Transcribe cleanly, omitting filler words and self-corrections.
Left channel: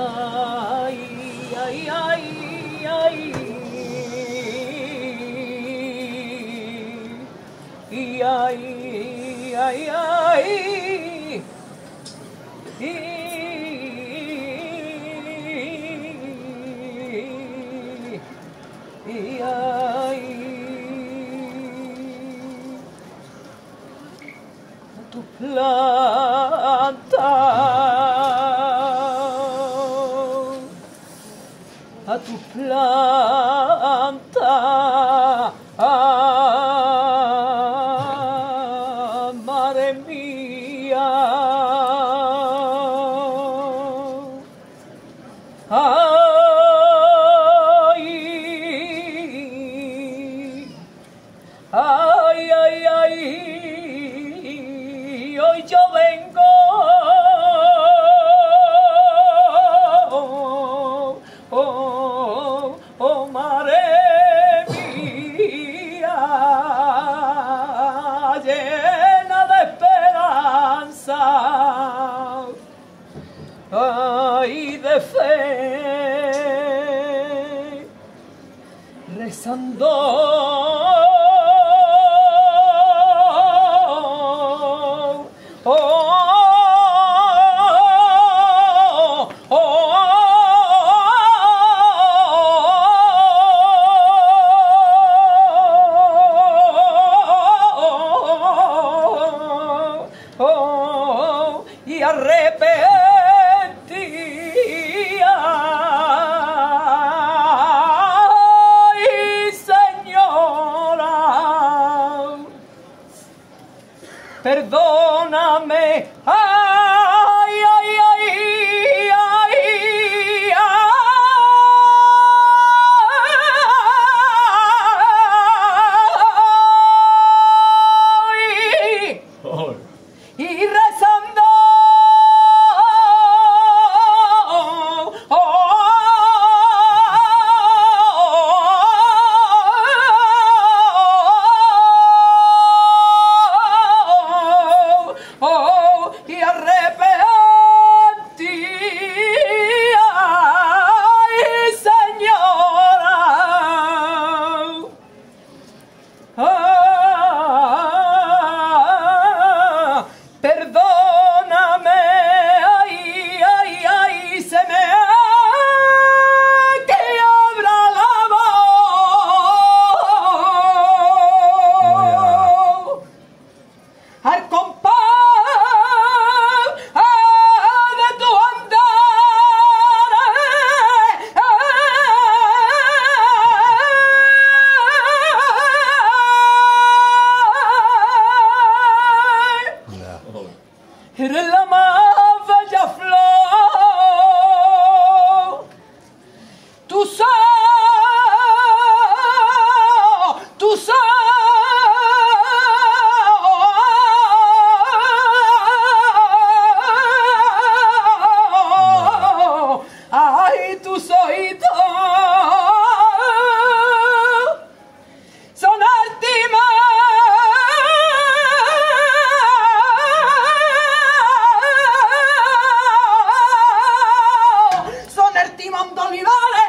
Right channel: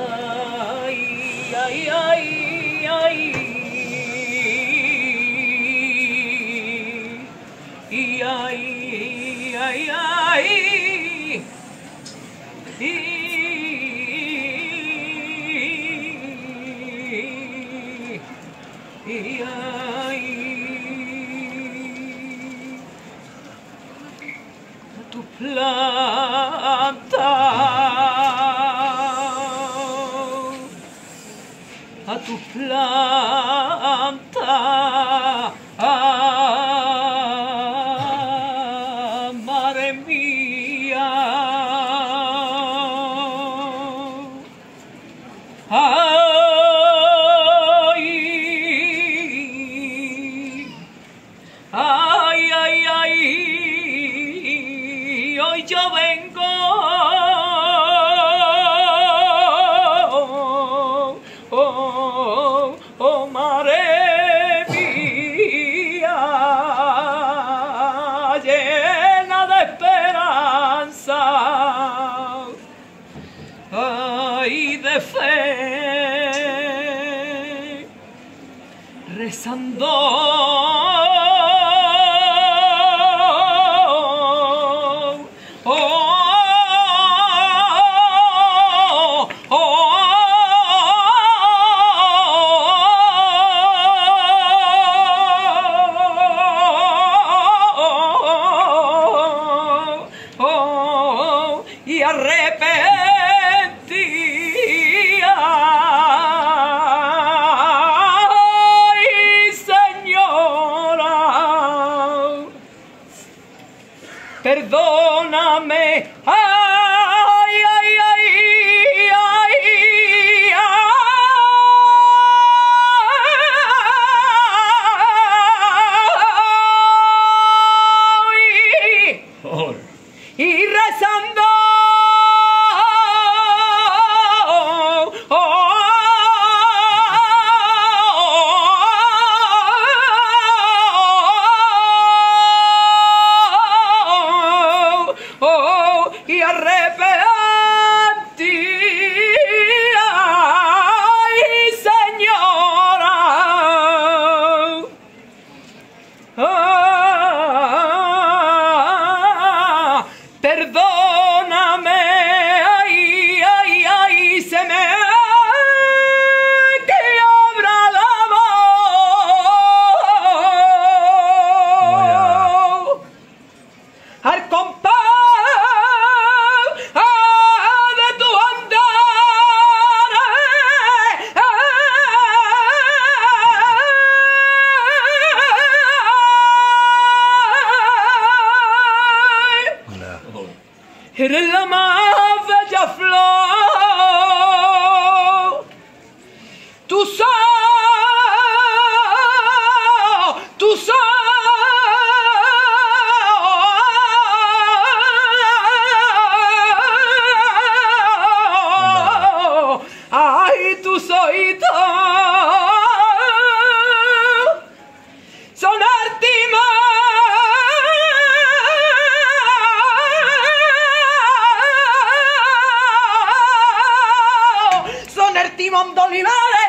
Ay, ay, ay, ay. Y ay, ay, ay. Y ay. A tu planta. A tu planta, madre mía, ay, ay, ay, ay, hoy yo vengo. Oh, madre mía, llena de esperanza, ay, de fe, rezando. Y arrepentía, ay, Señora, perdóname, ay, ay, ay, ay, ay, y rezando. Y arrepentía, ay, Señora, perdóname, ay, ay, ay, se me quiebra la voz al compás de tu andar, eres la más bella flor, tú sos, ay, tus oídos son el timón de Olivares.